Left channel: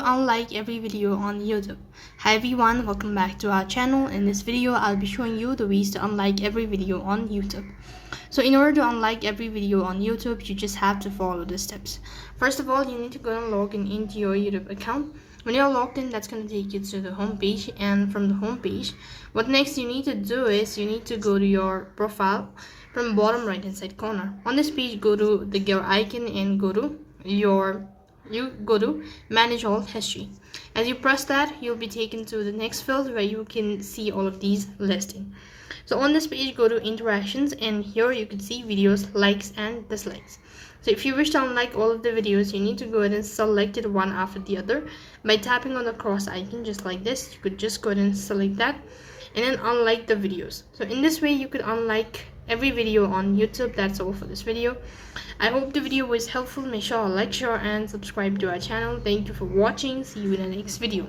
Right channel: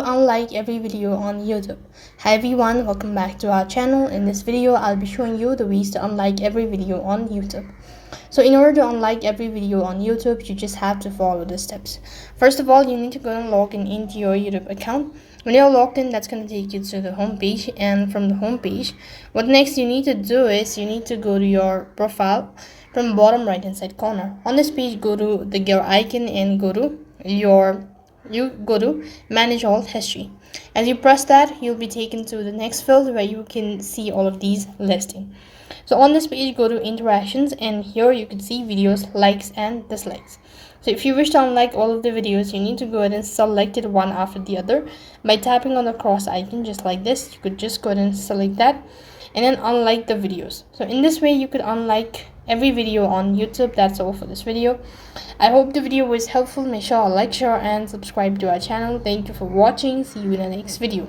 to unlike every video on YouTube. Hi everyone, welcome back to our channel. In this video, I'll be showing you the ways to unlike every video on YouTube. So in order to unlike every video on YouTube, you just have to follow the steps. First of all, you need to go and log into your YouTube account. When you're logged in, that's going to take you to the home page, and from the home page, what next you need to do is you need to go to your profile from bottom right hand side corner. On this page, go to the gear icon and go to manage all history. As you press that, you'll be taken to the next field where you can see all of these listing. So on this page, go to interactions, and here you can see videos, likes and dislikes. So if you wish to unlike all of the videos, you need to go ahead and select it one after the other by tapping on the cross icon just like this. You could just go ahead and select that and then unlike the videos. So in this way, you could unlike every video on YouTube. That's all for this video. I hope the video was helpful. Make sure to like, share and subscribe to our channel. Thank you for watching. See you in the next video.